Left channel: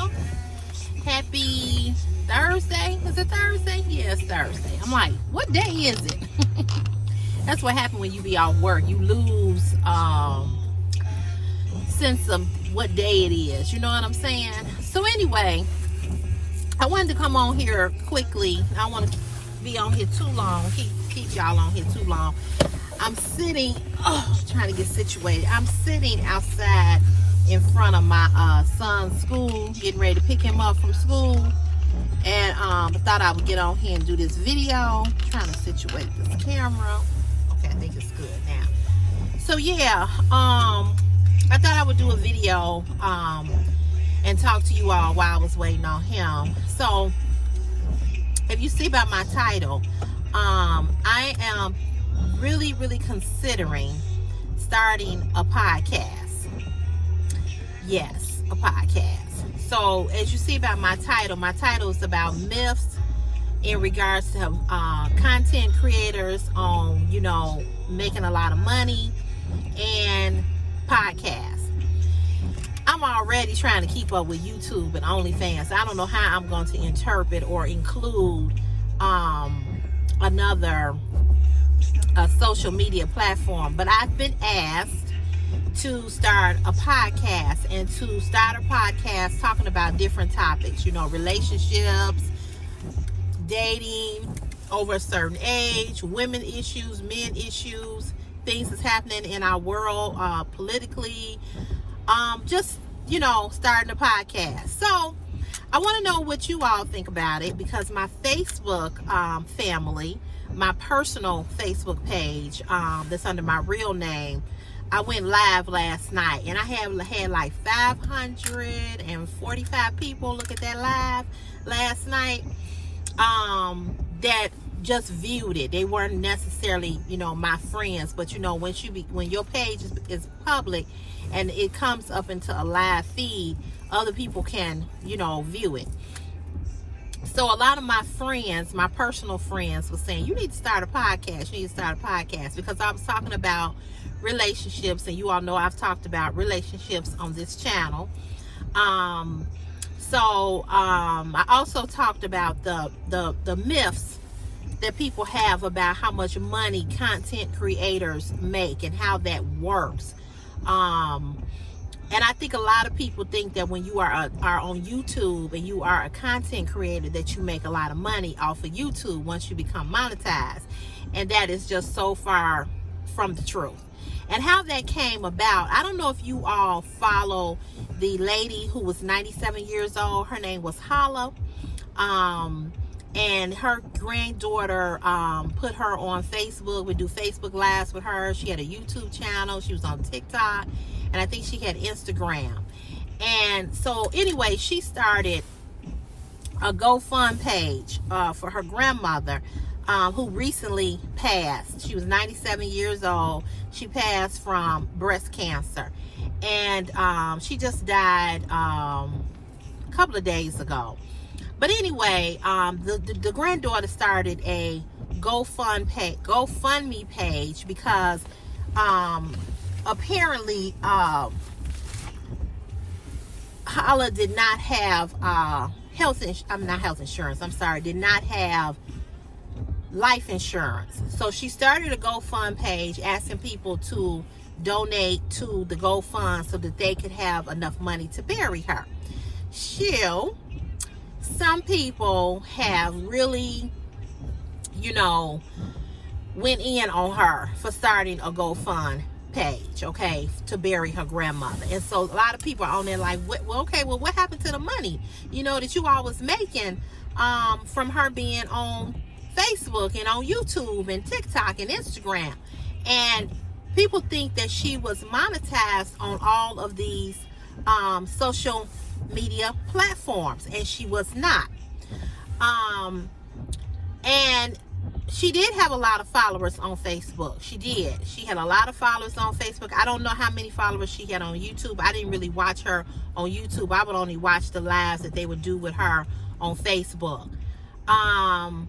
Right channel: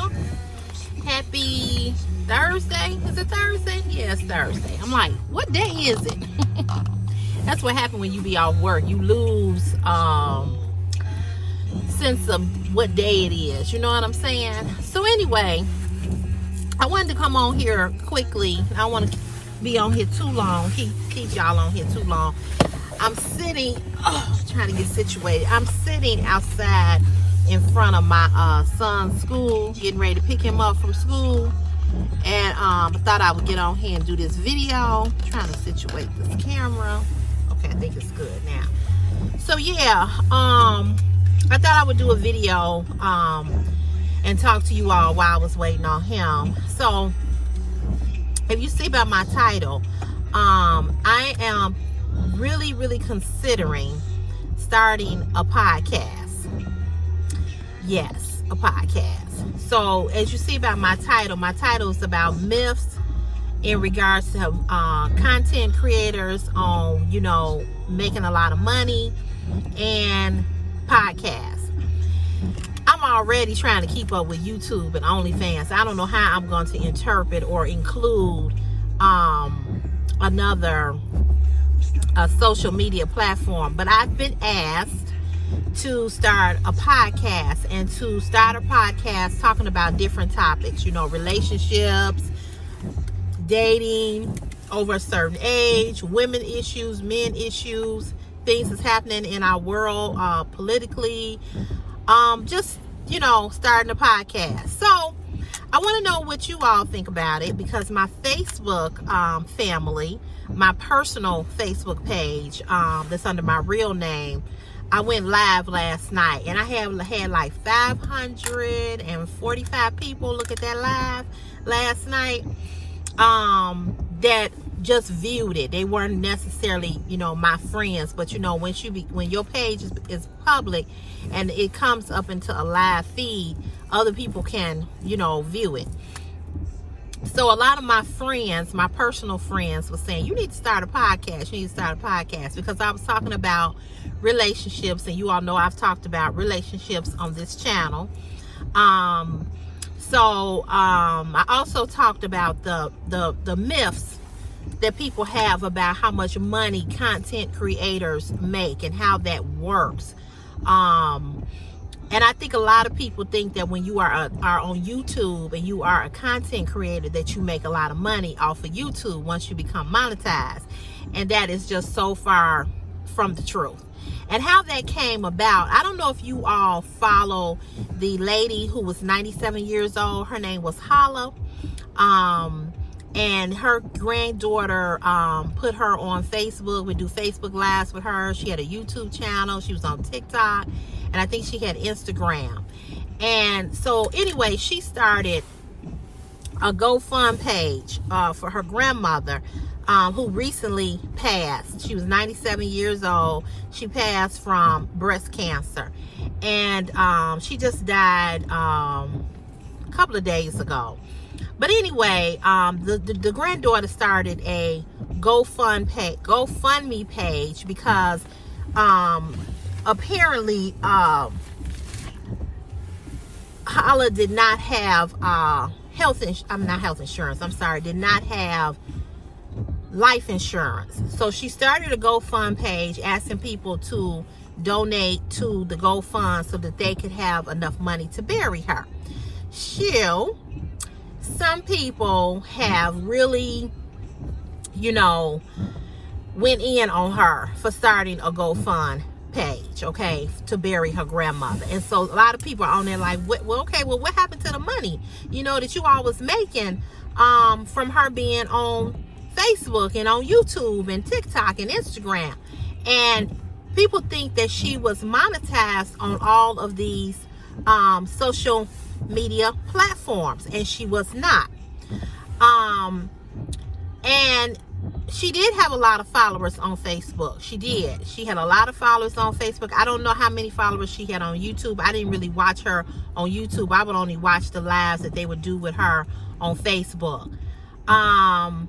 y'all. Happy Thursday. Is it Thursday? Yeah, it's Thursday. I'm like, what day is it? That's what happened when you be off work. You lose sense of what day it is. You know what I'm saying? So anyway, I wanted to come on here quickly. I don't want to be on here too long. Keep y'all on here too long. I'm sitting, trying to get situated. I'm sitting outside in front of my son's school, getting ready to pick him up from school. And I thought I would get on here and do this video. Trying to situate this camera. Okay, I think it's good now. So yeah, I thought I would do a video and talk to you all while I was waiting on him. So if you see by my title, I am really considering starting a podcast. Yes, a podcast. So as you see by my title is about myths in regards to content creators on, you know, making a lot of money and podcasts. I'm already trying to keep up with YouTube and OnlyFans. I don't know how I'm going to interpret or include another social media platform, but I've been asked to start a podcast, and to start a podcast talking about different topics, you know, relationships, dating over a certain age, women issues, men issues, things that's happening in our world politically, just, you know, starting a podcast. So I want to know what you all think about it, because my Facebook family, my personal Facebook page that's under my real name, I went live last night, and I had like 545 people look at that live last night that just viewed it. They weren't necessarily, you know, my friends, but you know, when your page is public and it comes up into a live feed, other people can, you know, view it. So a lot of my friends, my personal friends, were saying, you need to start a podcast. You need to start a podcast, because I was talking about relationships, and you all know I've talked about relationships on this channel. I also talked about the myths that people have about how much money content creators make and how that works. And I think a lot of people think that when you are on YouTube and you are a content creator, that you make a lot of money off of YouTube once you become monetized. And that is just so far from the truth. And how that came about, I don't know if you all follow the lady who was 97 years old. Her name was Holla. And her granddaughter put her on Facebook. We do Facebook Lives with her. She had a YouTube channel. She was on TikTok. And I think she had Instagram. And so anyway, she started a GoFund page for her grandmother, who recently passed. She was 97 years old. She passed from breast cancer. And she just died a couple of days ago. But anyway, the granddaughter started a GoFundMe page because apparently Holla did not have did not have life insurance. So she started a GoFund page asking people to donate to the GoFund so that they could have enough money to bury her. Some people have really, you know, went in on her for starting a GoFund page, okay, to bury her grandmother. And so a lot of people are on there like, well, okay, well, what happened to the money, you know, that you all was making from her being on Facebook and on YouTube and TikTok and Instagram? And people think that she was monetized on all of these social media platforms, and she was not. And she did have a lot of followers on Facebook. She did. She had a lot of followers on Facebook. I don't know how many followers she had on YouTube. I didn't really watch her on YouTube. I would only watch the lives that they would do with her on Facebook. And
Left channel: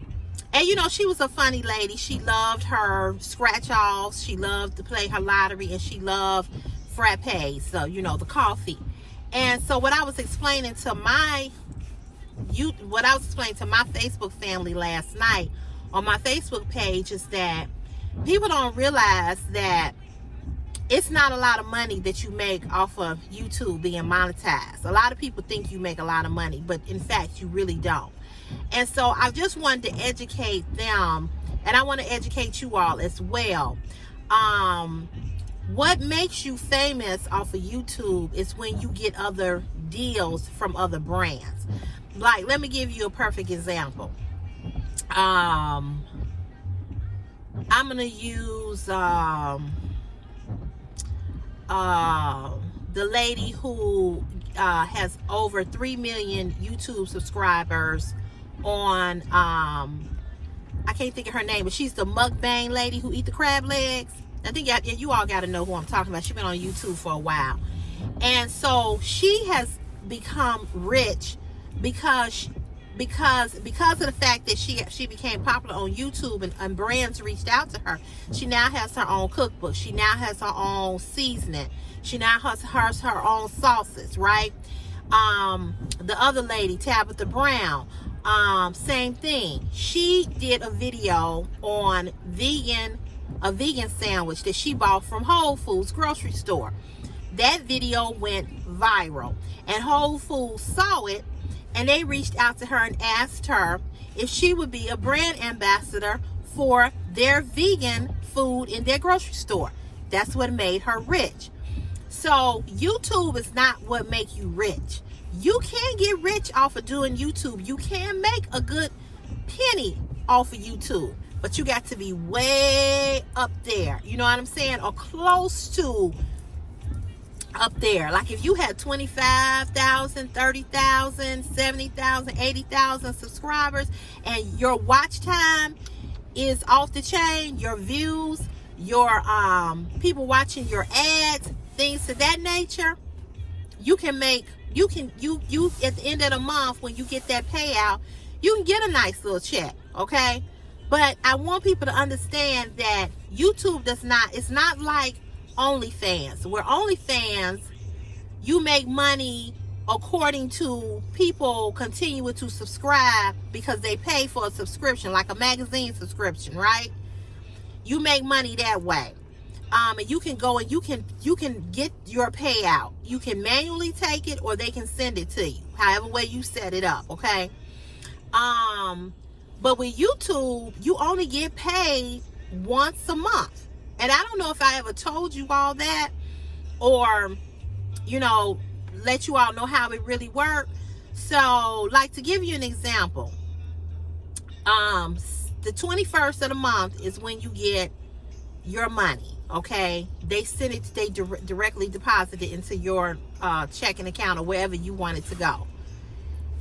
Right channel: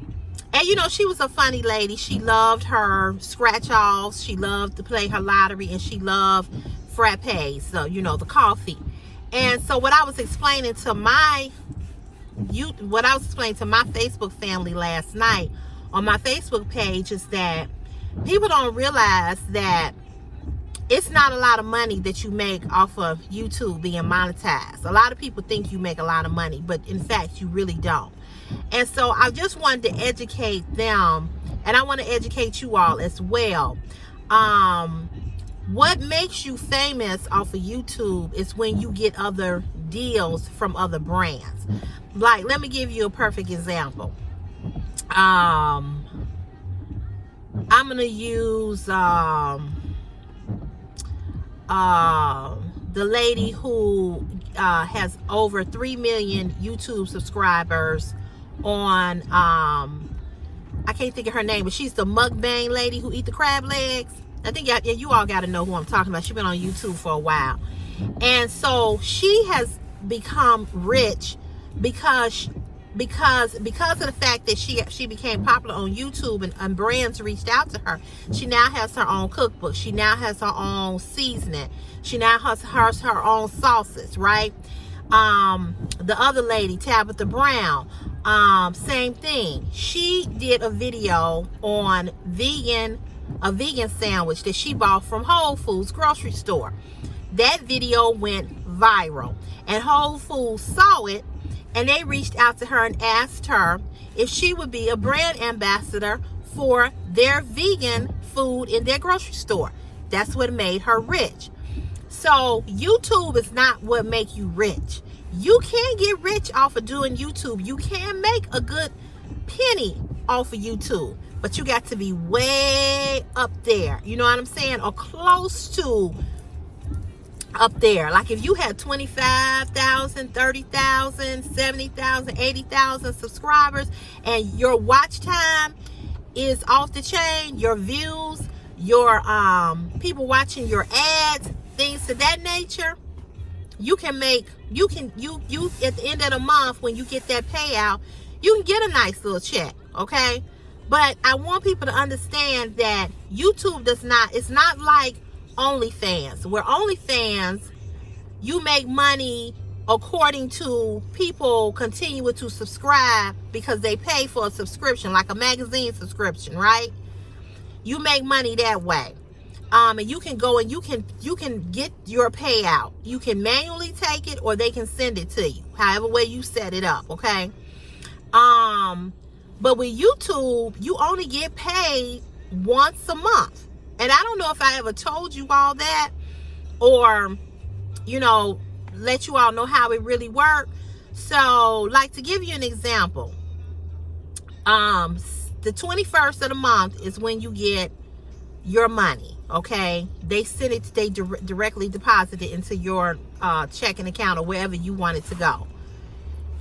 you know, she was a funny lady. She loved her scratch-offs. She loved to play her lottery, and she loved frappes, so you know, the coffee. And so what I was explaining to my Facebook family last night on my Facebook page is that people don't realize that it's not a lot of money that you make off of YouTube being monetized. A lot of people think you make a lot of money, but in fact, you really don't. And so I just wanted to educate them, and I want to educate you all as well. What makes you famous off of YouTube is when you get other deals from other brands. Like, let me give you a perfect example. I'm going to use the lady who has over 3 million YouTube subscribers on, I can't think of her name, but she's the mukbang lady who eat the crab legs. I think you all got to know who I'm talking about. She's been on YouTube for a while. And so she has become rich because of the fact that she became popular on YouTube and brands reached out to her. She now has her own cookbook. She now has her own seasoning. She now has her own sauces, right? The other lady, Tabitha Brown, same thing. She did a video on a vegan sandwich that she bought from Whole Foods grocery store. That video went viral, and Whole Foods saw it, and they reached out to her and asked her if she would be a brand ambassador for their vegan food in their grocery store. That's what made her rich. So YouTube is not what make you rich. You can get rich off of doing YouTube. You can make a good penny off of YouTube, but you got to be way up there. You know what I'm saying? Or close to up there. Like if you had 25,000, 30,000, 70,000, 80,000 subscribers and your watch time is off the chain, your views, your people watching your ads, things of that nature, you at the end of the month when you get that payout, you can get a nice little check, okay? But I want people to understand that YouTube it's not like OnlyFans, where OnlyFans, you make money according to people continuing to subscribe because they pay for a subscription, like a magazine subscription, right? You make money that way. And you can go and you can get your payout. You can manually take it, or they can send it to you, however way you set it up, okay? But with YouTube, you only get paid once a month. And I don't know if I ever told you all that, or, let you all know how it really works. So, like, to give you an example, the 21st of the month is when you get your money, okay? They send it, they directly deposit it into your checking account or wherever you want it to go.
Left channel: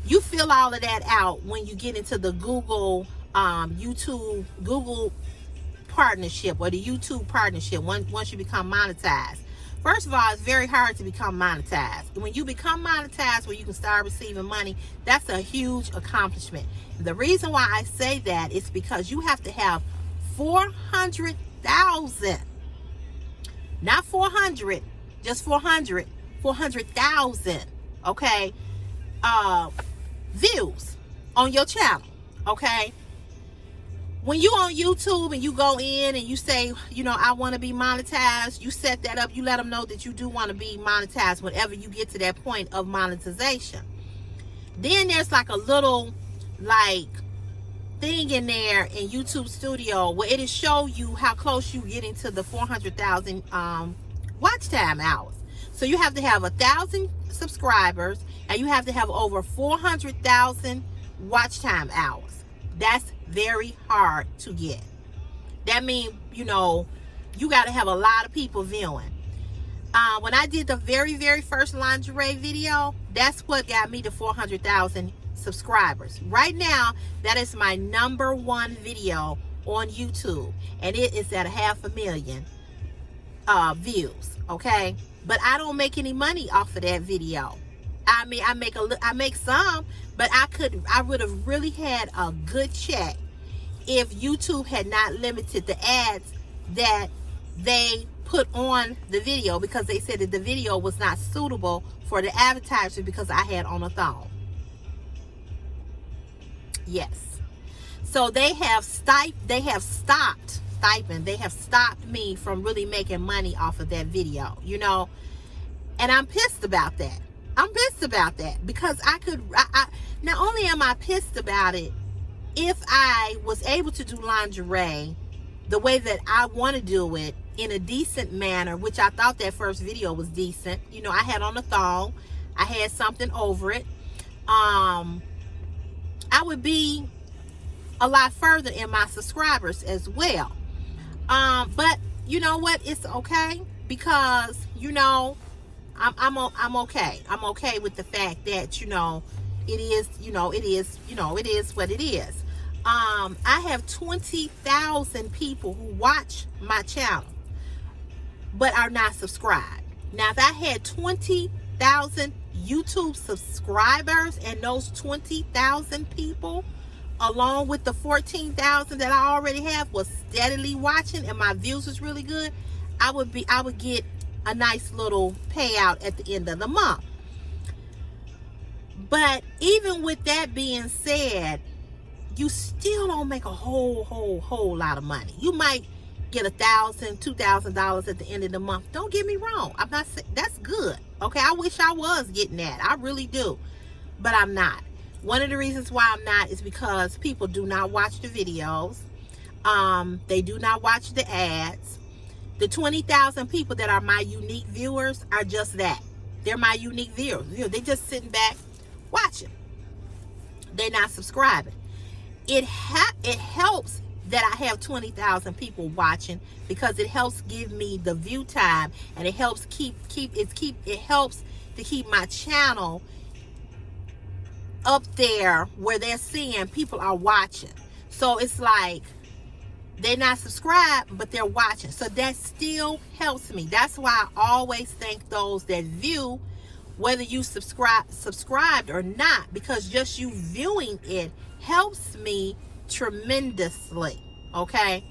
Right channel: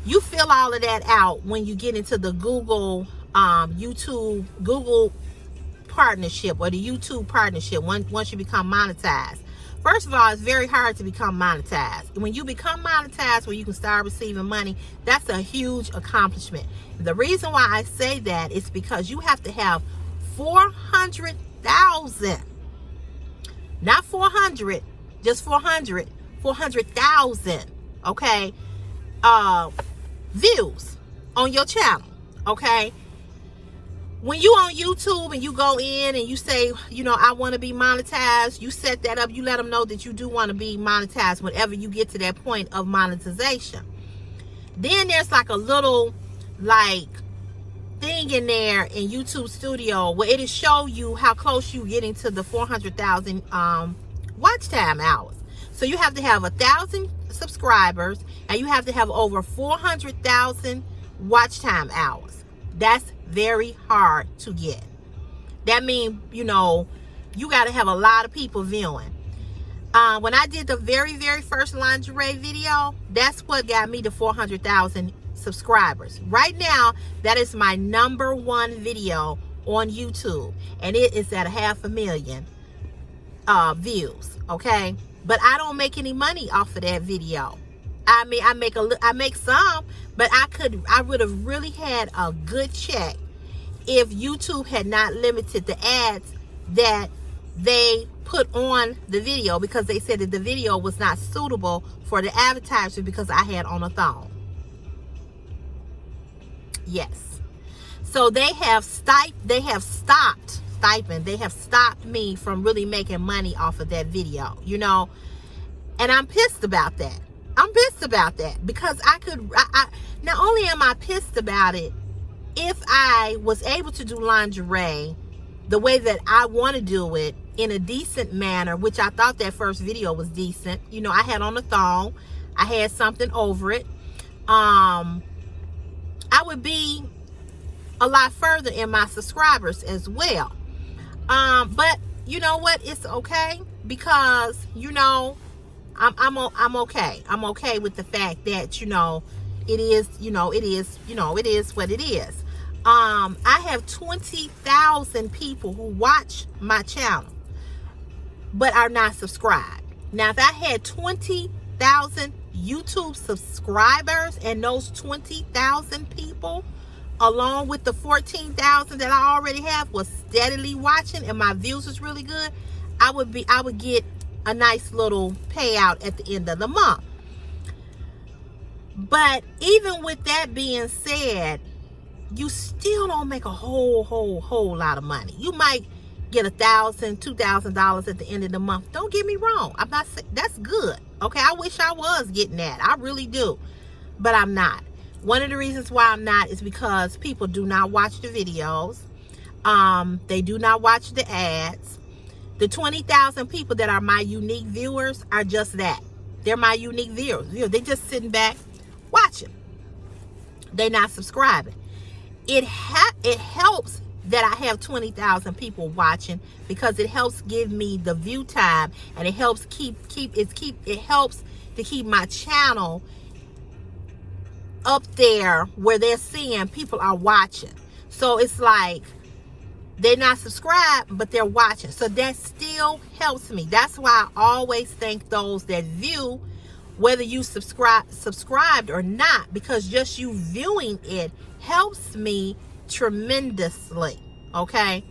You fill all of that out when you get into the Google partnership, or the YouTube partnership, once you become monetized. First of all, it's very hard to become monetized. When you become monetized, where you can start receiving money, that's a huge accomplishment. The reason why I say that is because you have to have 400,000, not 400, just 400,000, okay, views on your channel, okay? When you on YouTube and you go in and you say, I want to be monetized, you set that up, you let them know that you do want to be monetized whenever you get to that point of monetization. Then there's like a little thing in there in YouTube Studio where it'll show you how close you're getting to the 400,000 watch time hours. So you have to have 1,000 subscribers and you have to have over 400,000 watch time hours. That's very hard to get. That means, you got to have a lot of people viewing. When I did the very, very first lingerie video, that's what got me to 400,000 subscribers. Right now, that is my #1 video on YouTube, and it is at 500,000 views, okay? But I don't make any money off of that video. I mean, I make some, but I would have really had a good check if YouTube had not limited the ads that they put on the video, because they said that the video was not suitable for the advertisers because I had on a thong. Yes. So they have stopped me from really making money off of that video, you know, and I'm pissed about that. I'm pissed about that because I not only am I pissed about it, if I was able to do lingerie the way that I want to do it in a decent manner, which I thought that first video was decent. You know, I had on a thong, I had something over it. I would be a lot further in my subscribers as well. But you know what? It's okay because, you know, I'm okay. I'm okay with the fact that, you know, it is what it is. I have 20,000 people who watch my channel but are not subscribed. Now, if I had 20,000 YouTube subscribers and those 20,000 people, along with the 14,000 that I already have, was steadily watching and my views was really good, I would get a nice little payout at the end of the month. But even with that being said, you still don't make a whole lot of money. You might get $1,000, $2,000 at the end of the month. Don't get me wrong. I'm not saying that's good. Okay, I wish I was getting that. I really do. But I'm not. One of the reasons why I'm not is because people do not watch the videos. They do not watch the ads. The 20,000 people that are my unique viewers are just that. They're my unique viewers. You know, they're just sitting back watching. They're not subscribing. It helps that I have 20,000 people watching because it helps give me the view time, and it helps it helps to keep my channel up there where they're seeing people are watching. So it's like they're not subscribed, but they're watching. So that still helps me. That's why I always thank those that view, whether you subscribed or not, because just you viewing it helps me tremendously. Okay,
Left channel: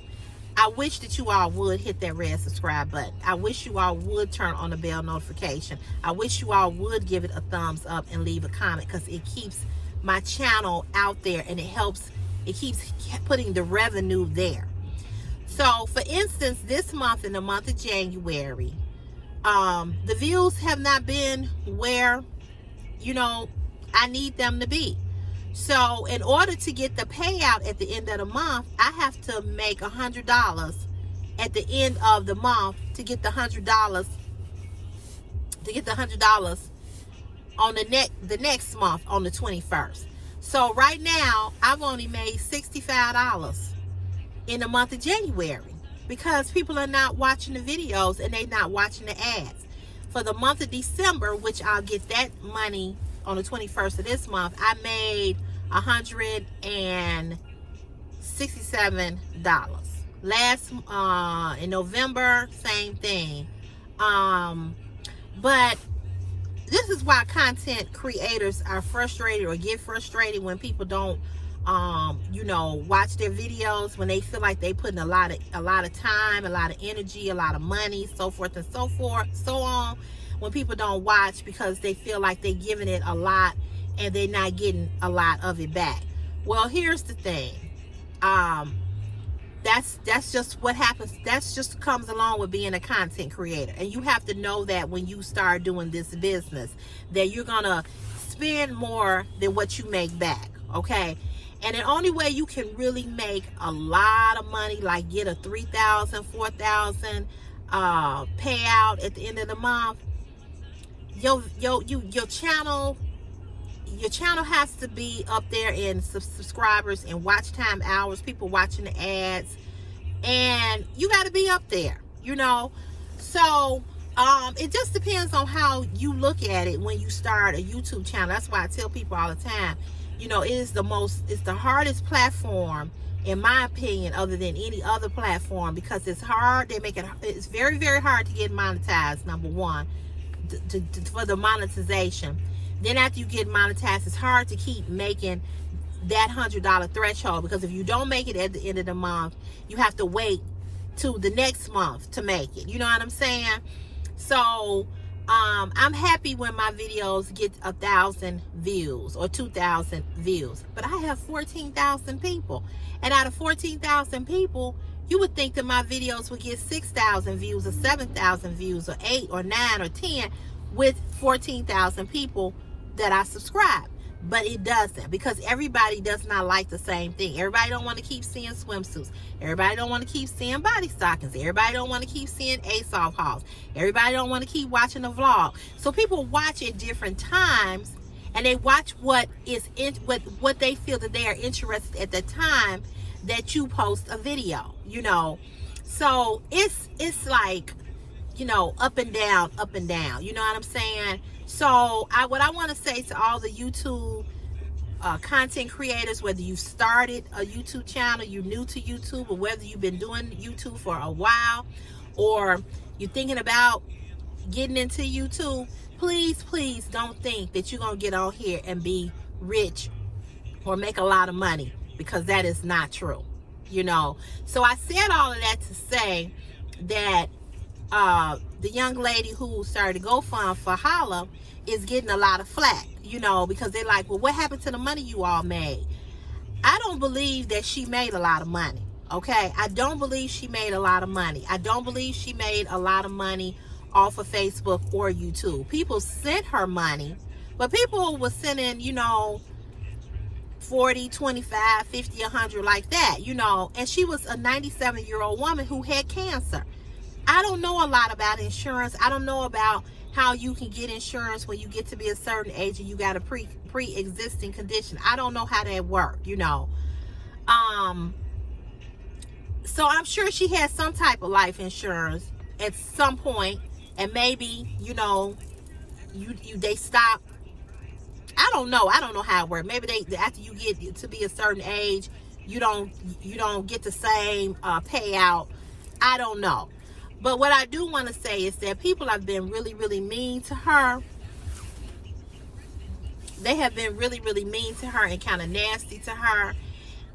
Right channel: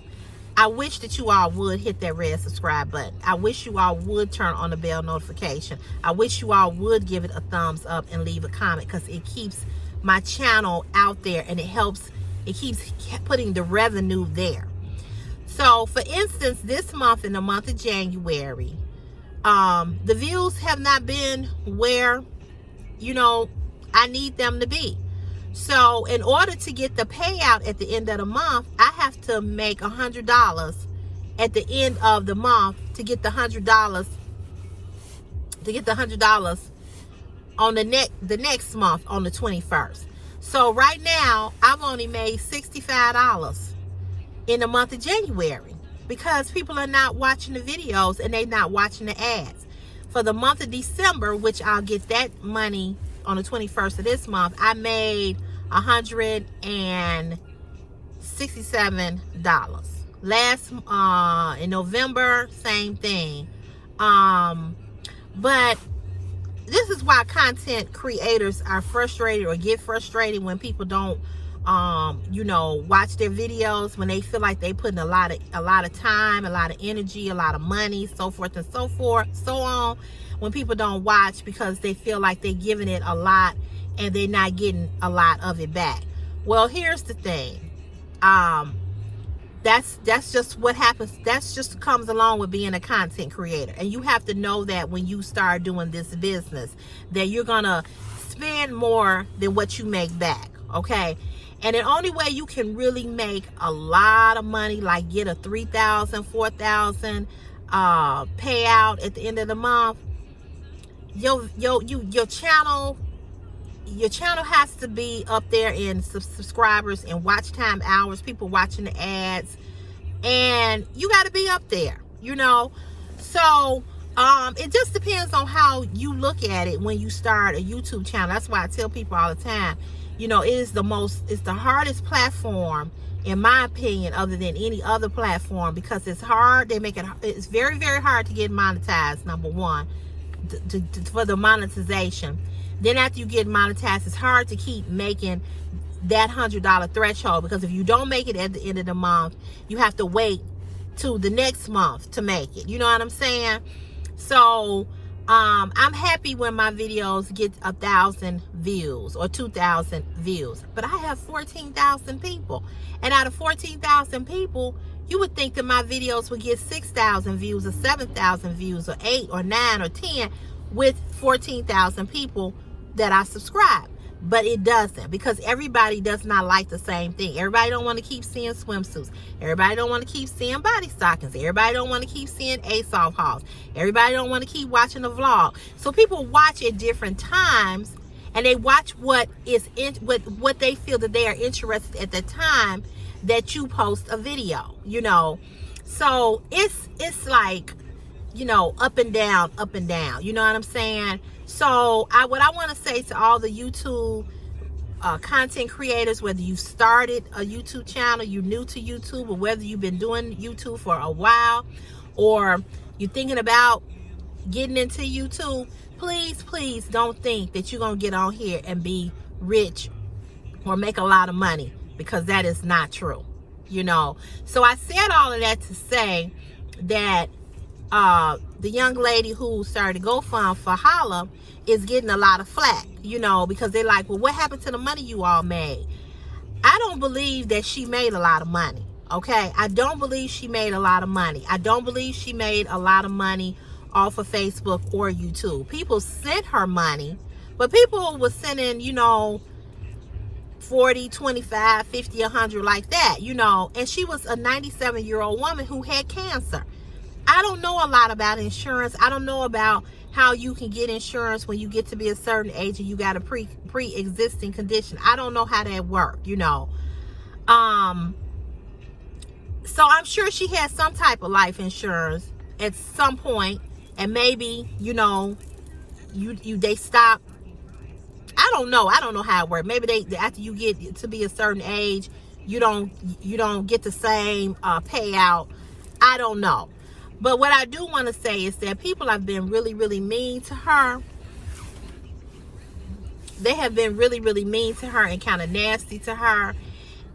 I wish that you all would hit that red subscribe button. I wish you all would turn on the bell notification. I wish you all would give it a thumbs up and leave a comment, because it keeps my channel out there and it keeps putting the revenue there. So for instance, this month, in the month of January, the views have not been where, you know, I need them to be. So in order to get the payout at the end of the month, I have to make $100 at the end of the month to get the $100 on the next month on the 21st. So right now I've only made $65 in the month of January because people are not watching the videos and they're not watching the ads. For the month of December, which I'll get that money on the 21st of this month, I made $167. In November, same thing. But this is why content creators are frustrated or get frustrated when people don't you know, watch their videos, when they feel like they putting a lot of time, a lot of energy, a lot of money, so forth and so on. When people don't watch because they feel like they're giving it a lot and they're not getting a lot of it back. Well, here's the thing. That's just what happens. That's just comes along with being a content creator. And you have to know that when you start doing this business, that you're gonna spend more than what you make back, okay? And the only way you can really make a lot of money, like get a $3,000, $4,000 payout at the end of the month, your channel has to be up there in subscribers and watch time hours, people watching the ads, and you got to be up there, you know. So it just depends on how you look at it when you start a YouTube channel. That's why I tell people all the time, you know, it's the hardest platform, in my opinion, other than any other platform, because it's hard. It's very, very hard to get monetized, number one, for the monetization. Then after you get monetized, it's hard to keep making that $100 threshold, because if you don't make it at the end of the month, you have to wait to the next month to make it. You know what I'm saying? So I'm happy when my videos get 1,000 views or 2,000 views, but I have 14,000 people, and out of 14,000 people, you would think that my videos would get 6,000 views or 7,000 views or 8 or 9 or 10 with 14,000 people that I subscribe. But it doesn't, because everybody does not like the same thing. Everybody don't want to keep seeing swimsuits. Everybody don't want to keep seeing body stockings. Everybody don't want to keep seeing ASOS hauls. Everybody don't want to keep watching a vlog. So people watch at different times, and they watch what they feel that they are interested at the time that you post a video, you know. So it's like, you know, up and down, you know what I'm saying? So what I want to say to all the YouTube content creators, whether you started a YouTube channel, you're new to YouTube, or whether you've been doing YouTube for a while, or you're thinking about getting into YouTube, please don't think that you're going to get on here and be rich or make a lot of money, because that is not true, you know. So I said all of that to say that the young lady who started GoFund for Holla is getting a lot of flack, you know, because they're like, well, what happened to the money you all made? I don't believe that she made a lot of money, okay? I don't believe she made a lot of money. I don't believe she made a lot of money off of Facebook or YouTube. People sent her money, but people were sending, you know, 40, 25, 50, 100, like that, you know. And she was a 97-year-old woman who had cancer. I don't know a lot about insurance. I don't know about how you can get insurance when you get to be a certain age and you got a pre-existing condition. I don't know how that works, you know. So I'm sure she had some type of life insurance at some point, and maybe, you know, they stop. I don't know how it works. Maybe they after you get to be a certain age, you don't get the same payout. I don't know. But what I do want to say is that people have been really, really mean to her. They have been really, really mean to her and kind of nasty to her.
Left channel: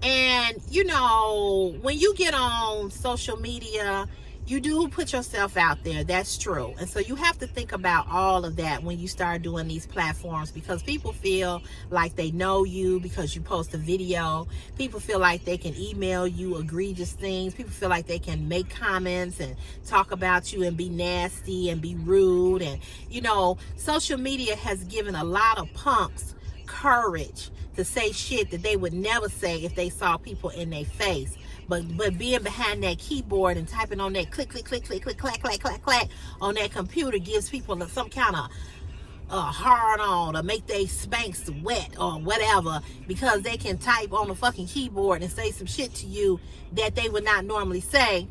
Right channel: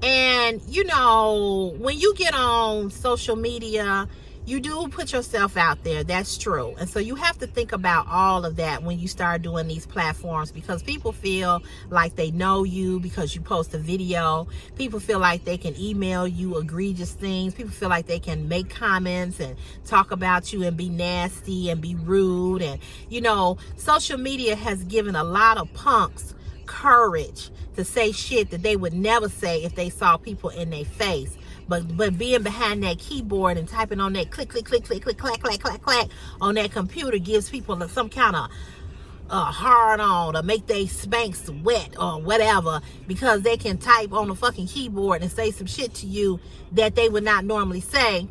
And, you know, when you get on social media, you do put yourself out there. That's true. And so you have to think about all of that when you start doing these platforms, because people feel like they know you because you post a video. People feel like they can email you egregious things. People feel like they can make comments and talk about you and be nasty and be rude. And, you know, social media has given a lot of punks courage to say shit that they would never say if they saw people in their face. But being behind that keyboard and typing on that click, click, click, click, click, clack, clack, clack, clack on that computer gives people some kind of hard on, or make they spanks wet or whatever, because they can type on the fucking keyboard and say some shit to you that they would not normally say.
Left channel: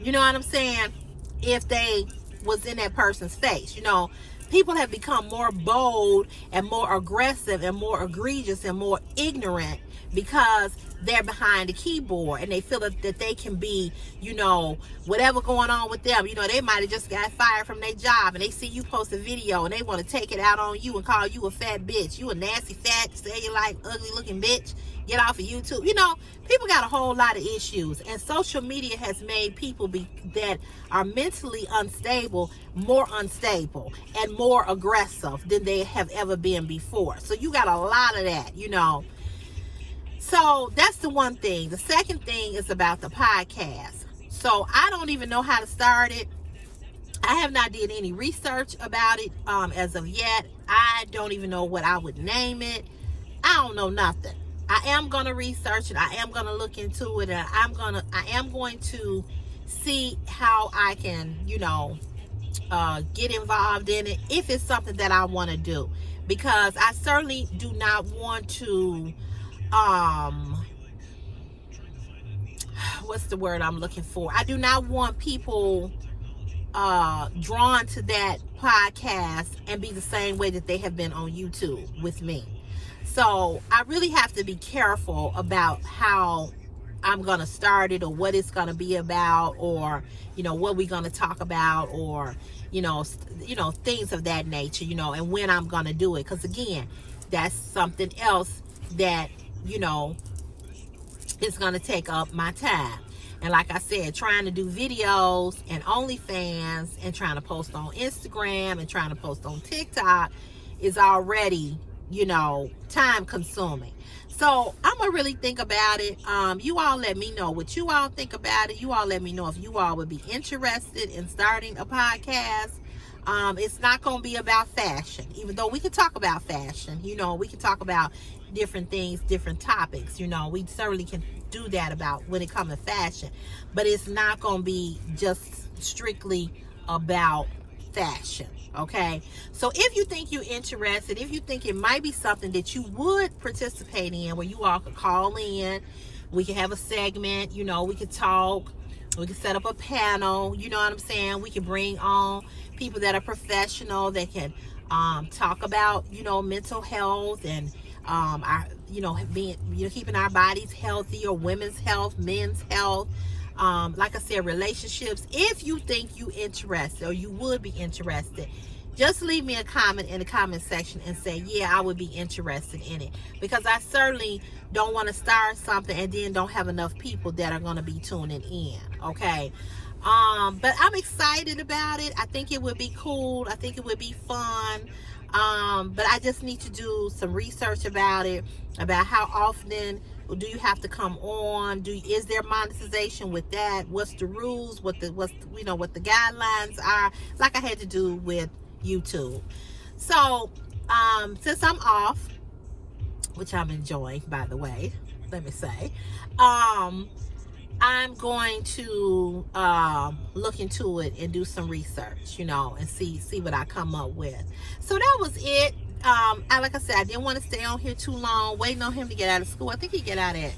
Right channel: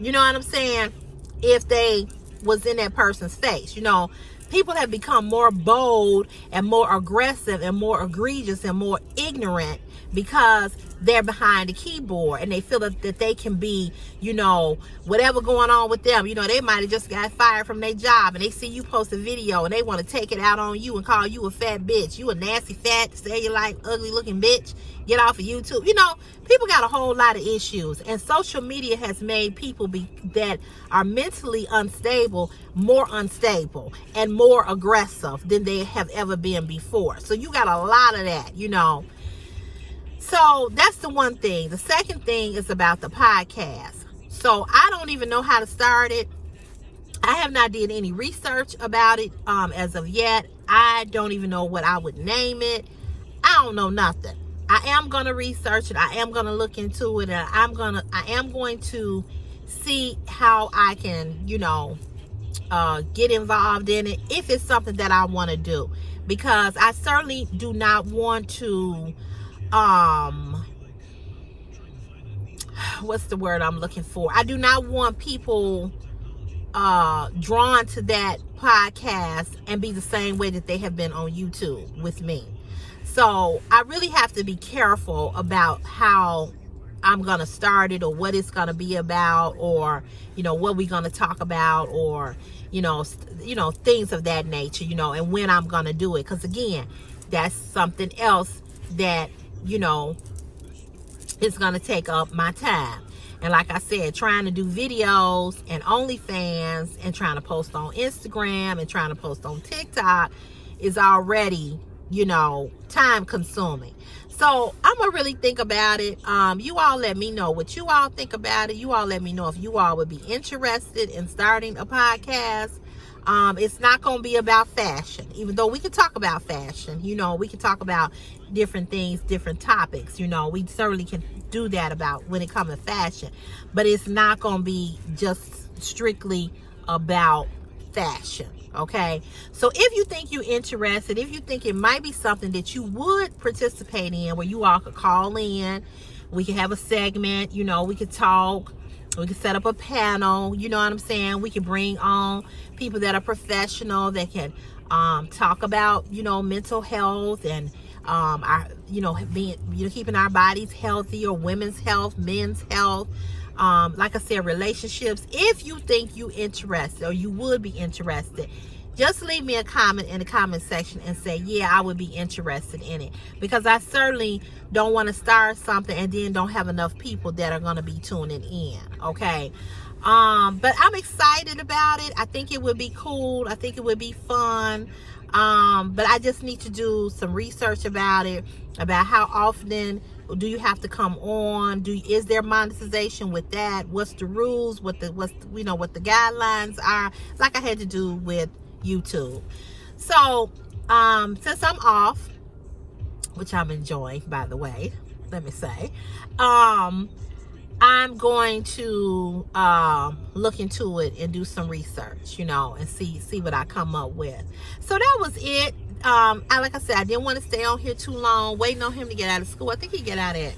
You know what I'm saying? If they was in that person's face, you know. People have become more bold and more aggressive and more egregious and more ignorant because they're behind the keyboard, and they feel that they can be, you know, whatever going on with them. You know, they might have just got fired from their job, and they see you post a video and they want to take it out on you and call you a fat bitch. You a nasty, fat, cellulite, ugly looking bitch. Get off of YouTube. You know, people got a whole lot of issues, and social media has made people that are mentally unstable more unstable and more aggressive than they have ever been before. So you got a lot of that, you know. So that's the one thing. The second thing is about the podcast. So I don't even know how to start it. I have not did any research about it as of yet. I don't even know what I would name it. I don't know nothing. I am going to research it. I am going to look into it. And I am going to see how I can, you know, get involved in it if it's something that I want to do. Because I certainly do not want to, what's the word I'm looking for? I do not want people drawn to that podcast and be the same way that they have been on YouTube with me. So I really have to be careful about how I'm going to start it, or what it's going to be about, or, you know, what we're going to talk about, or, you know, things of that nature, you know, and when I'm going to do it. Because again, that's something else that, you know, is going to take up my time. And like I said, trying to do videos and OnlyFans and trying to post on Instagram and trying to post on TikTok is already, you know, time consuming. So I'm gonna really think about it. You all let me know what you all think about it. You all let me know if you all would be interested in starting a podcast. It's not gonna be about fashion, even though we can talk about fashion. You know, we can talk about different things, different topics. You know, we certainly can do that about when it comes to fashion, but it's not gonna be just strictly about fashion. Okay, so if you think you're interested, if you think it might be something that you would participate in, where you all could call in, we can have a segment, you know, we could talk, we could set up a panel, you know what I'm saying? We can bring on people that are professional that can talk about, you know, mental health and our, you know, being, you know, keeping our bodies healthy, or women's health, men's health. Like I said, relationships. If you think you interested or you would be interested, just leave me a comment in the comment section and say, yeah, I would be interested in it, because I certainly don't want to start something and then don't have enough people that are going to be tuning in. Okay. But I'm excited about it. I think it would be cool. I think it would be fun. But I just need to do some research about it, about how often do you have to come on? Is there monetization with that? What's the rules? What the guidelines are? Like I had to do with YouTube. So since I'm off, which I'm enjoying, by the way, let me say, I'm going to look into it and do some research, you know, and see what I come up with. So that was it. Like I said, I didn't want to stay on here too long, waiting on him to get out of school. I think he get out at,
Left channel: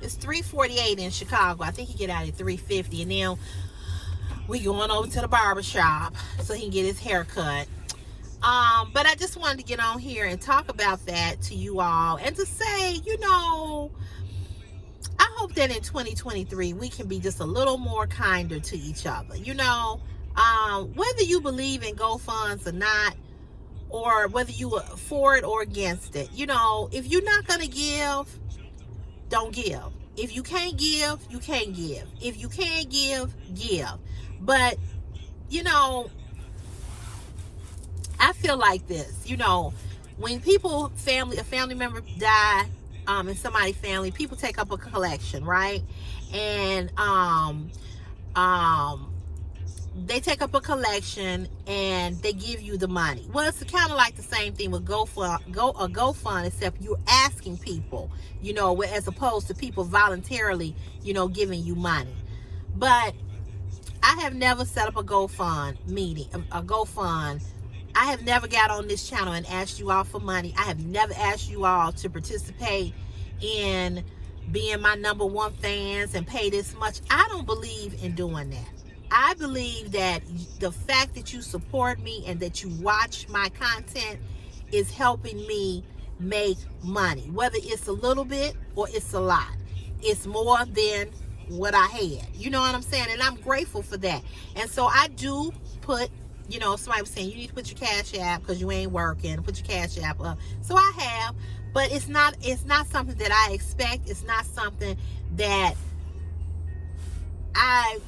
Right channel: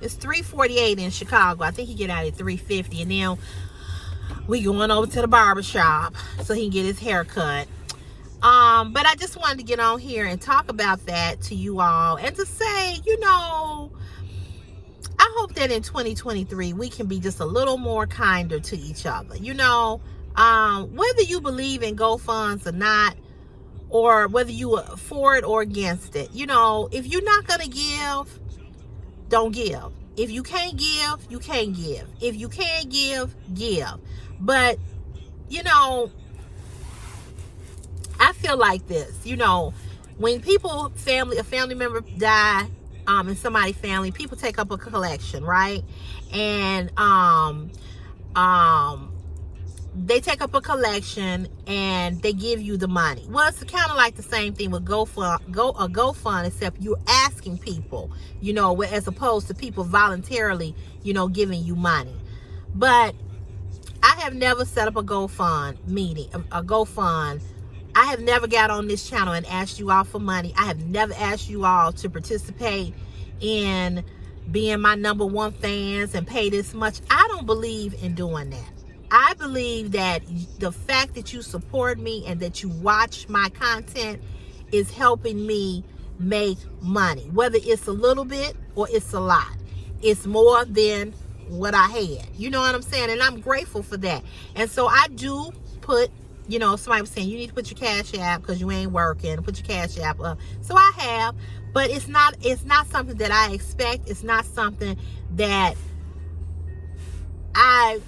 it's 3:48 in Chicago. I think he get out at 3:50, and then we going over to the barber shop so he can get his hair cut. But I just wanted to get on here and talk about that to you all, and to say, you know, I hope that in 2023 we can be just a little more kinder to each other. You know, whether you believe in GoFunds or not, or whether you are for it or against it, you know, if you're not gonna give, don't give. If you can't give, you can't give. If you can't give, give. But, you know, I feel like this, you know, when a family member die, in somebody's family, people take up a collection, right? And they take up a collection and they give you the money. Well, it's kind of like the same thing with GoFund, except you're asking people, you know, as opposed to people voluntarily, you know, giving you money. But I have never set up a GoFund meeting, a GoFund. I have never got on this channel and asked you all for money. I have never asked you all to participate in being my #1 fans and pay this much. I don't believe in doing that. I believe that the fact that you support me and that you watch my content is helping me make money. Whether it's a little bit or it's a lot, it's more than what I had. You know what I'm saying? And I'm grateful for that. And so I do put, you know, somebody was saying you need to put your Cash App because you ain't working. Put your Cash App up. So I have, but it's not something that I expect. It's not something that I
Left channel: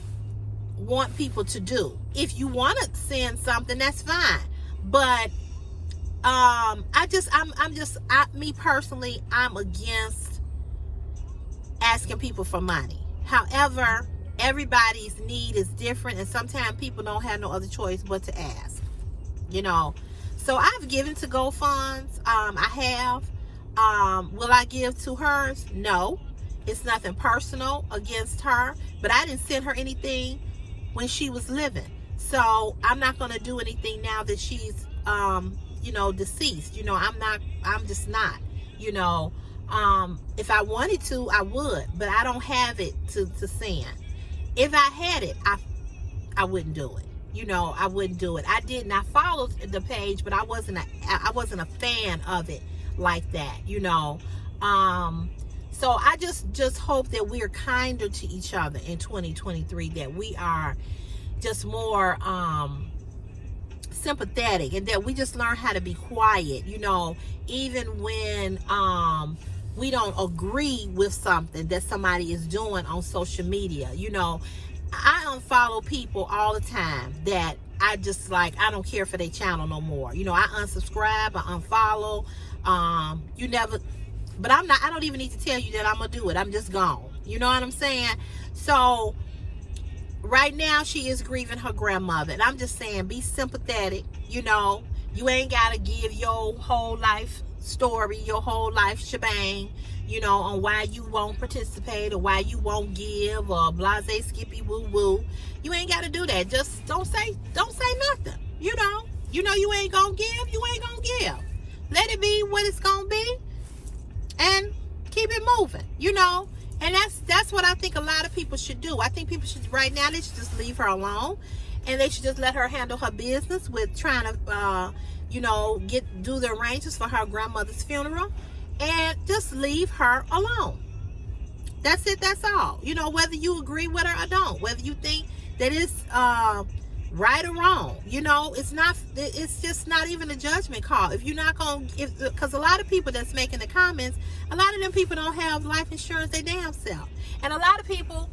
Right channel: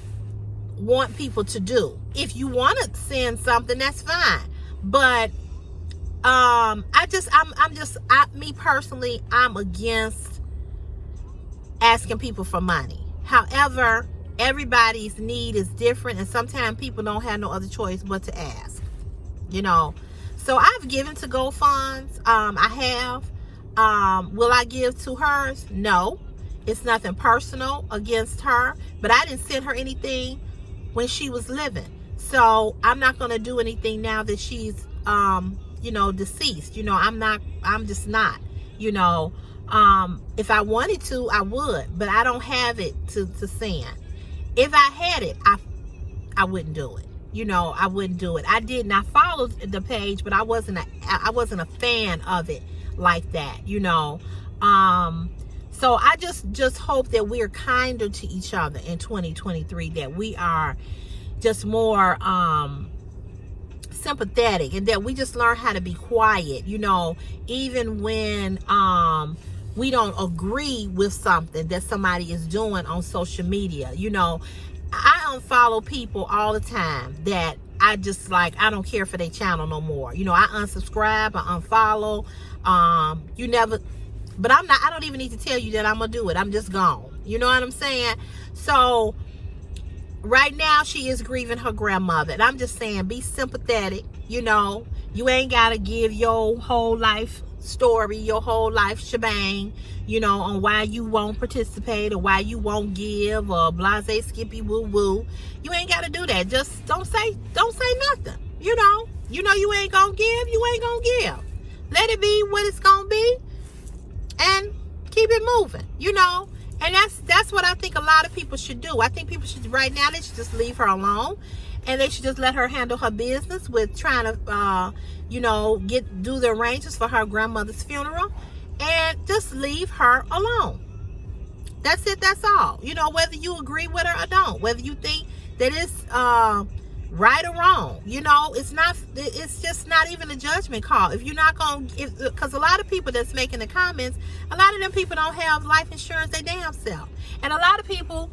want people to do. If you want to send something, that's fine. But me personally, I'm against asking people for money. However, everybody's need is different, and sometimes people don't have no other choice but to ask, you know. So I've given to GoFunds. I have. Will I give to hers? No. It's nothing personal against her, but I didn't send her anything when she was living. So I'm not going to do anything now that she's, you know, deceased. You know, I'm just not, you know. If I wanted to, I would, but I don't have it to send. If I had it, I wouldn't do it. You know, I wouldn't do it. I didn't. I followed the page, but I wasn't a fan of it like that, you know. So I just hope that we're kinder to each other in 2023, that we are just more sympathetic, and that we just learn how to be quiet, you know, even when we don't agree with something that somebody is doing on social media. You know, I unfollow people all the time that I just like, I don't care for their channel no more. You know, I unsubscribe, I unfollow. You never, but I don't even need to tell you that I'm gonna do it. I'm just gone. You know what I'm saying? So right now she is grieving her grandmother, and I'm just saying, be sympathetic. You know, you ain't gotta give your whole life story, your whole life shebang, you know, on why you won't participate or why you won't give or blase skippy woo woo. You ain't gotta do that. Just don't say nothing. You know you ain't gonna give, you ain't gonna give. Let it be what it's gonna be and keep it moving, you know. And that's what I think a lot of people should do. I think people should, right now, they should just leave her alone, and they should just let her handle her business with trying to, you know, do the arrangements for her grandmother's funeral, and just leave her alone. That's it. That's all. You know, whether you agree with her or don't, whether you think that it's right or wrong, you know, it's just not even a judgment call. If you're not gonna, because a lot of people that's making the comments, a lot of them people don't have life insurance they damn self. And a lot of people,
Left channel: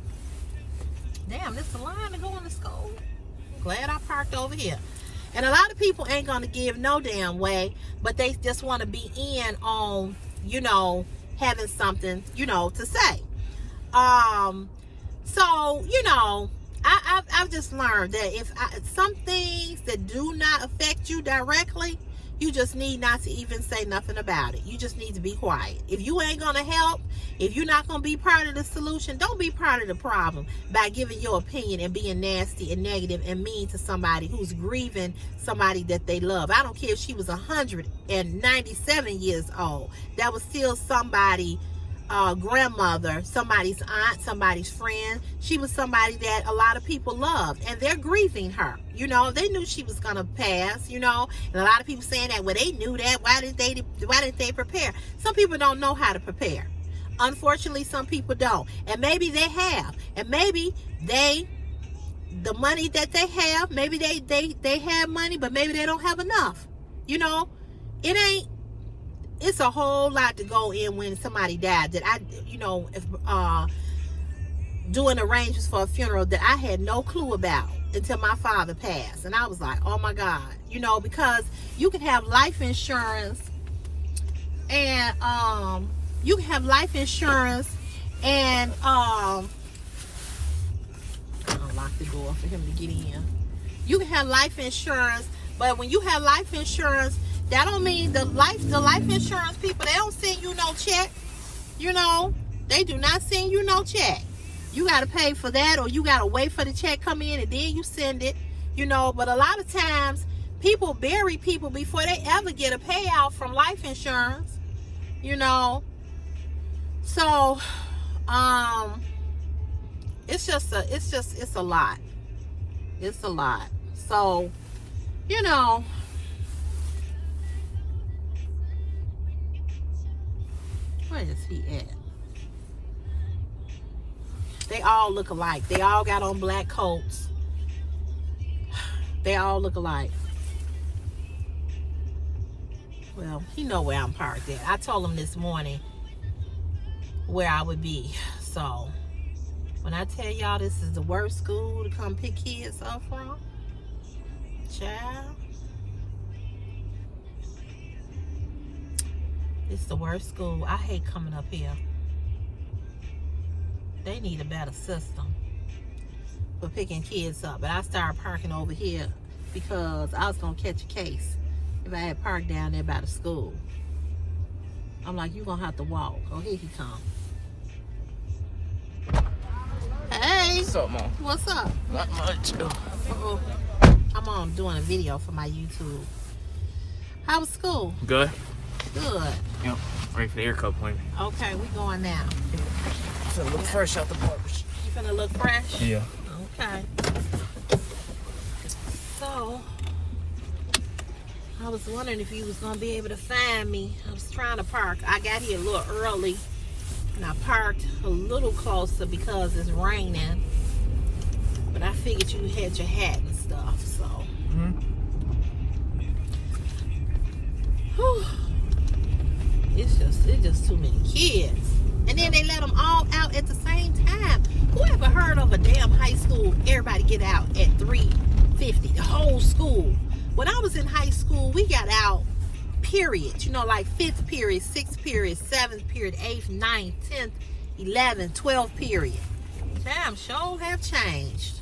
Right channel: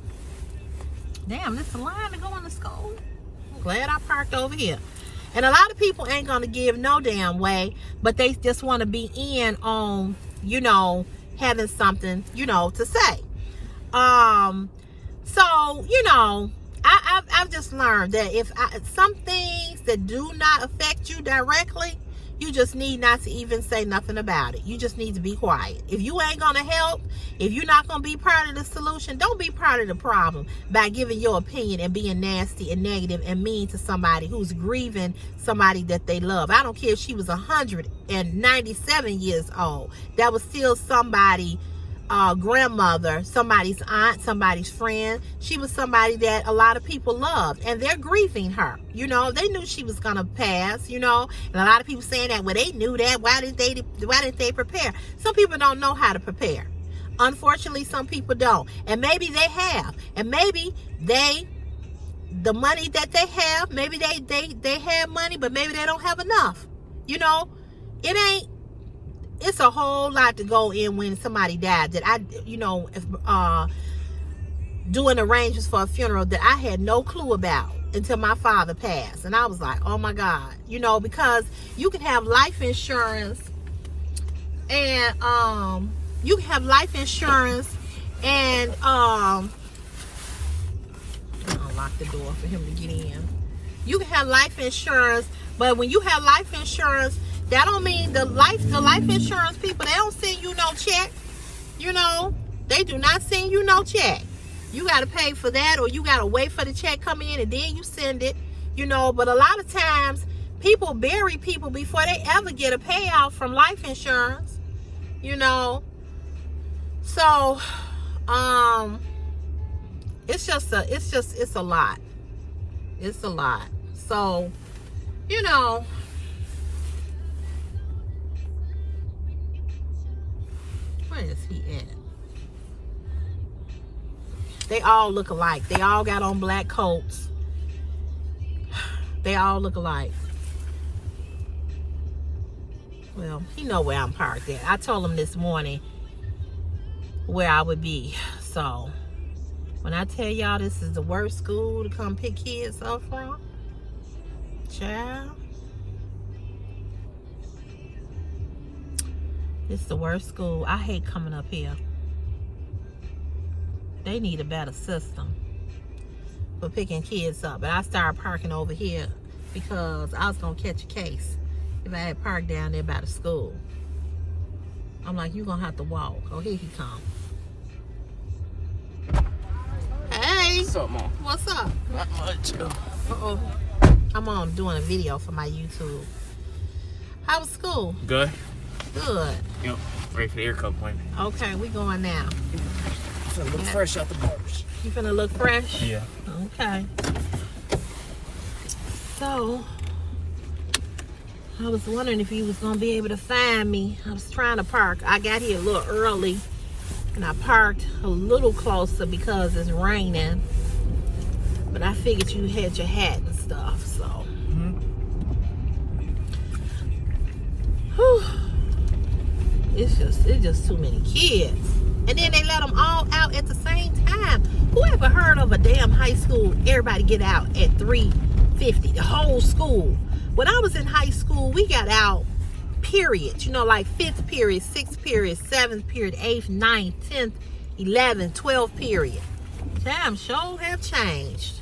damn, this is a line to go into school. I'm glad I parked over here. And a lot of people ain't gonna give no damn way, but they just want to be in on, you know, having something, you know, to say. So, you know, I've just learned that if some things that do not affect you directly, you just need not to even say nothing about it. You just need to be quiet. If you ain't gonna help, if you're not gonna be part of the solution, don't be part of the problem by giving your opinion and being nasty and negative and mean to somebody who's grieving somebody that they love. I don't care if she was 197 years old. That was still somebody, grandmother, somebody's aunt, somebody's friend. She was somebody that a lot of people loved, and they're grieving her. You know, they knew she was gonna pass, you know, and a lot of people saying that, well, they knew that, why didn't they prepare? Some people don't know how to prepare. Unfortunately, some people don't, and maybe they have, and maybe the money that they have, maybe they have money, but maybe they don't have enough. You know, it's a whole lot to go in when somebody died that I, you know, doing arrangements for a funeral that I had no clue about until my father passed. And I was like, oh my God, you know, because you can have life insurance and, you can have life insurance and, I'll lock the door for him to get in. You can have life insurance, but when you have life insurance, that don't mean the life insurance people, they don't send you no check. You know, they do not send you no check. You got to pay for that, or you got to wait for the check come in and then you send it, you know. But a lot of times people bury people before they ever get a payout from life insurance, you know. So, it's a lot. It's a lot. So, you know, where is he at? They all look alike. They all got on black coats. They all look alike. Well, he know where I'm parked at. I told him this morning where I would be. So, when I tell y'all this is the worst school to come pick kids up from, child, it's the worst school. I hate coming up here. They need a better system for picking kids up. But I started parking over here because I was going to catch a case if I had parked down there by the school. I'm like, you're going to have to walk. Oh, here he come. Hey. What's up, Mom? What's up? Uh-oh. I'm doing a video for my YouTube. How was school? Good. Good. Yep. Ready for the air cup point. Okay, we going now. Finna look fresh out the barbers. You finna look fresh? Yeah. Okay. So, I was wondering if you was gonna be able to find me. I was trying to park. I got here a little early, and I parked a little closer because it's raining. But I figured you had your hat and stuff, so. Whew. It's just too many kids. And then they let them all out at the same time. Who ever heard of a damn high school, everybody get out at 3:50, the whole school? When I was in high school, we got out periods, you know, like 5th period, 6th period, 7th period, 8th, 9th, 10th, 11th, 12th period. Damn, sure have changed.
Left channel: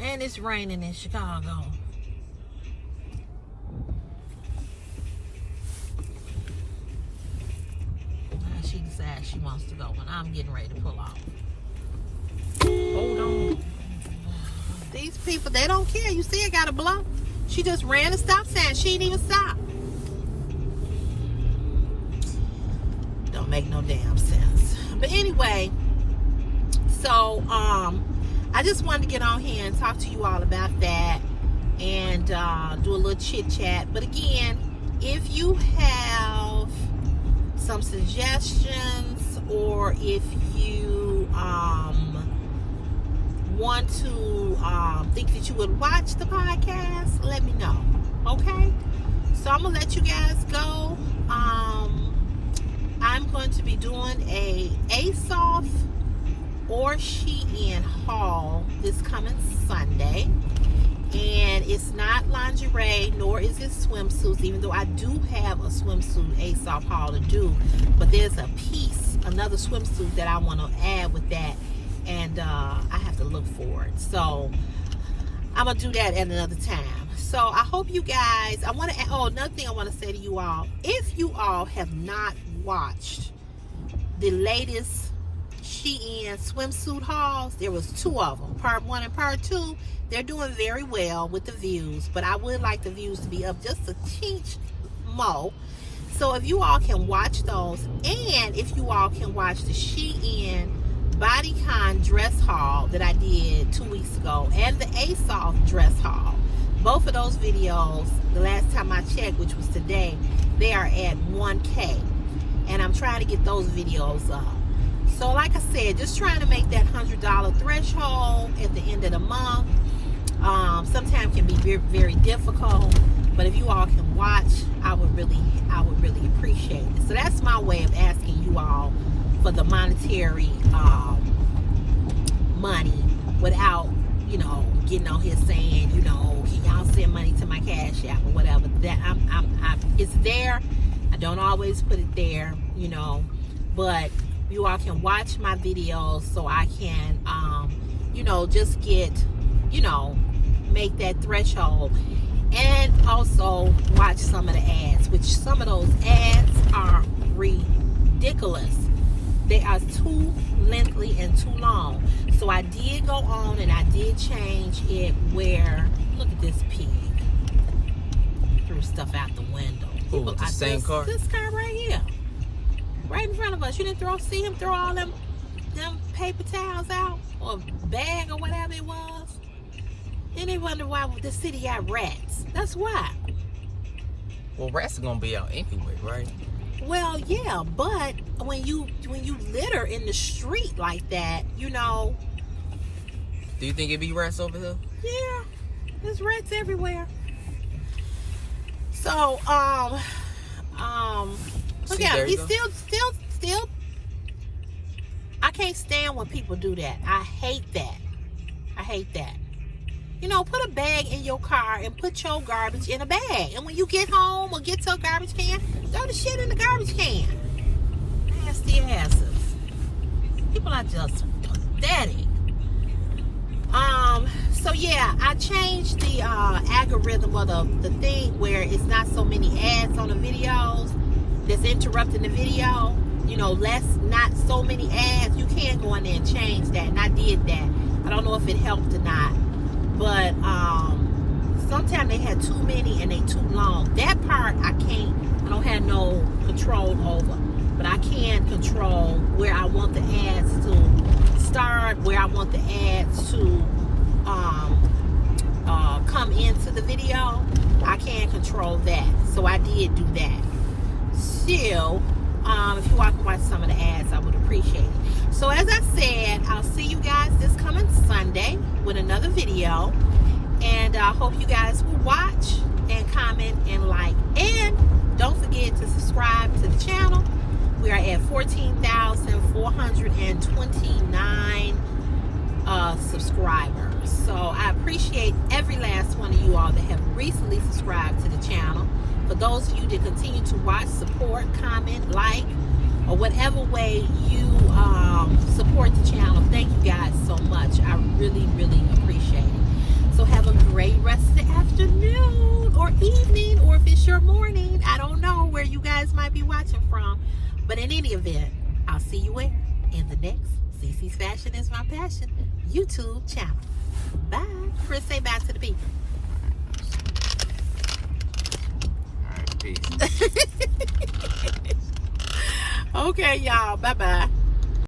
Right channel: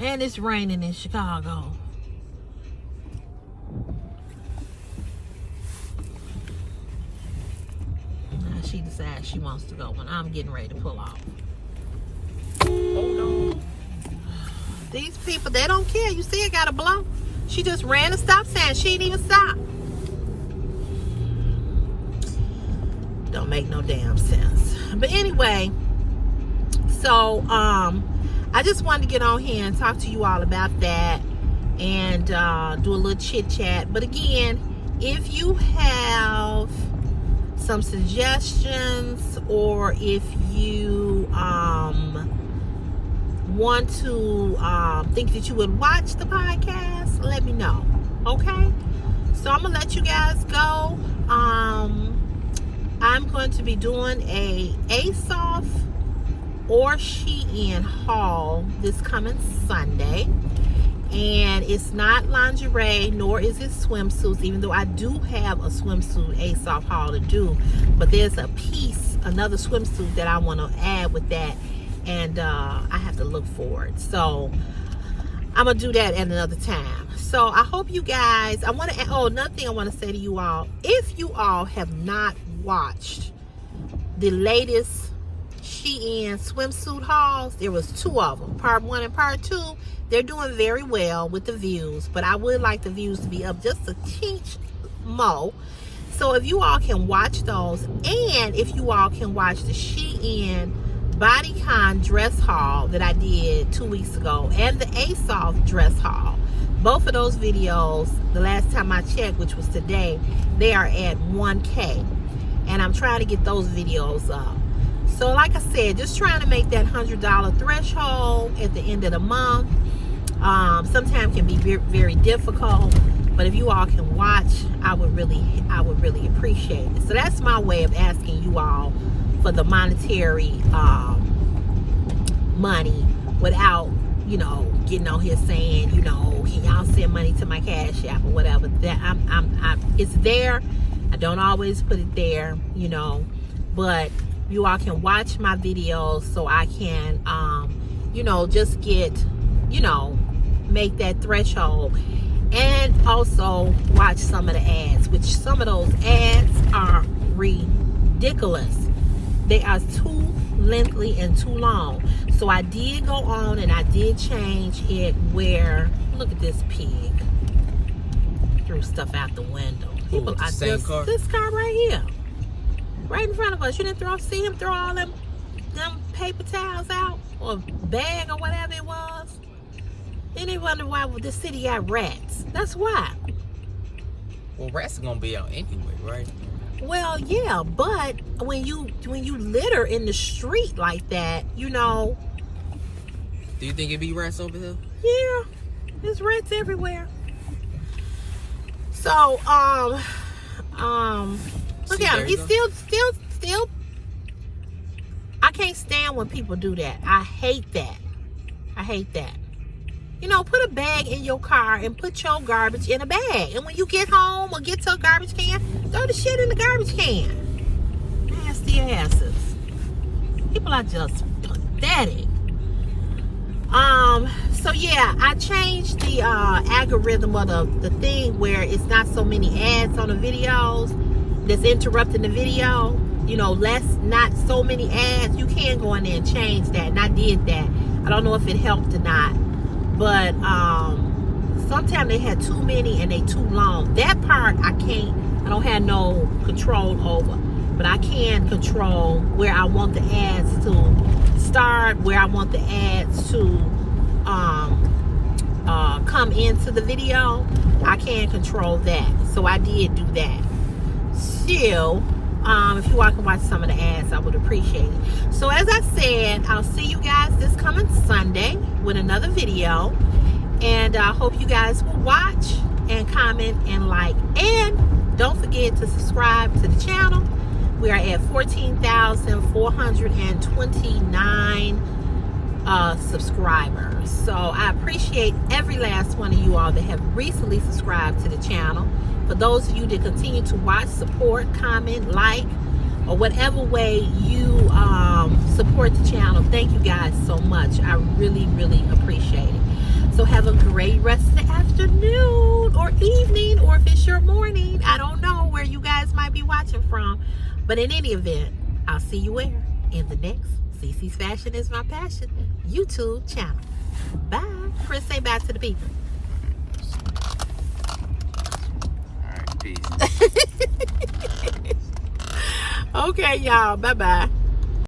And it's raining in Chicago. Now she decides she wants to go when I'm getting ready to pull off. Hold on. These people, they don't care. You see, it got a blow. She just ran a stop sign. She didn't even stop. Don't make no damn sense. But anyway, so I just wanted to get on here and talk to you all about that and do a little chit chat. But again, if you have some suggestions, or if you want to think that you would watch the podcast, let me know. Okay, so I'm gonna let you guys go. I'm going to be doing a ASOS or Shein haul this coming Sunday, and it's not lingerie nor is it swimsuits, even though I do have a swimsuit ASOS haul to do. But there's a piece, another swimsuit that I want to add with that, and I have to look for it. So I'm gonna do that at another time. So I hope you guys, another thing I want to say to you all, if you all have not watched the latest Shein swimsuit hauls, there was 2 of them, part 1 and part 2. They're doing very well with the views, but I would like the views to be up just a tinge more. So if you all can watch those, and if you all can watch the Shein bodycon dress haul that I did 2 weeks ago, and the ASOS dress haul, both of those videos, the last time I checked, which was today, they are at 1K, and I'm trying to get those videos up. So like I said, just trying to make that $100 threshold at the end of the month. Sometimes can be very, very difficult, but if you all can watch, I would really appreciate it. So that's my way of asking you all for the monetary money without, you know, getting on here saying, you know, can y'all send money to my Cash App or whatever. That it's there. I don't always put it there, you know, but you all can watch my videos so I can, you know, just get, you know, make that threshold, and also watch some of the ads, which some of those ads are ridiculous. They are too lengthy and too long. So I did go on and I did change it where, look at this pig. Threw stuff out the window. People, this car right here. Right in front of us. You didn't see him throw all them paper towels out, or bag or whatever it was? Then they wonder why the city got rats. That's why. Well, rats are gonna be out anyway, right? Well, yeah, but when you litter in the street like that, you know. Do you think it'd be rats over here? Yeah, there's rats everywhere. So, look at him. He's still. I can't stand when people do that. I hate that. You know, put a bag in your car and put your garbage in a bag. And when you get home or get to a garbage can, throw the shit in the garbage can. Nasty asses. People are just pathetic. So yeah, I changed the algorithm of the thing where it's not so many ads on the videos that's interrupting the video. You know, not so many ads. You can go in there and change that, and I did that. I don't know if it helped or not, but sometimes they had too many and they too long. That part I don't have no control over, but I can control where I want the ads to start, where I want the ads to come into the video. I can control that, so I did do that. Still, if you all can watch some of the ads, I would appreciate it. So as I said, I'll see you guys this coming Sunday with another video, and I hope you guys will watch and comment and like. And don't forget to subscribe to the channel. We are at 14,429 subscribers. So I appreciate every last one of you all that have recently subscribed to the channel. For those of you that continue to watch, support, comment, like, or whatever way you support the channel, thank you guys so much. I really, really appreciate it. So have a great rest of the afternoon or evening, or if it's your morning, I don't know where you guys might be watching from. But in any event, I'll see you where? In the next CC's Fashion is My Passion YouTube channel. Bye. Chris, say bye to the people. All right, peace. Okay, y'all. Bye-bye.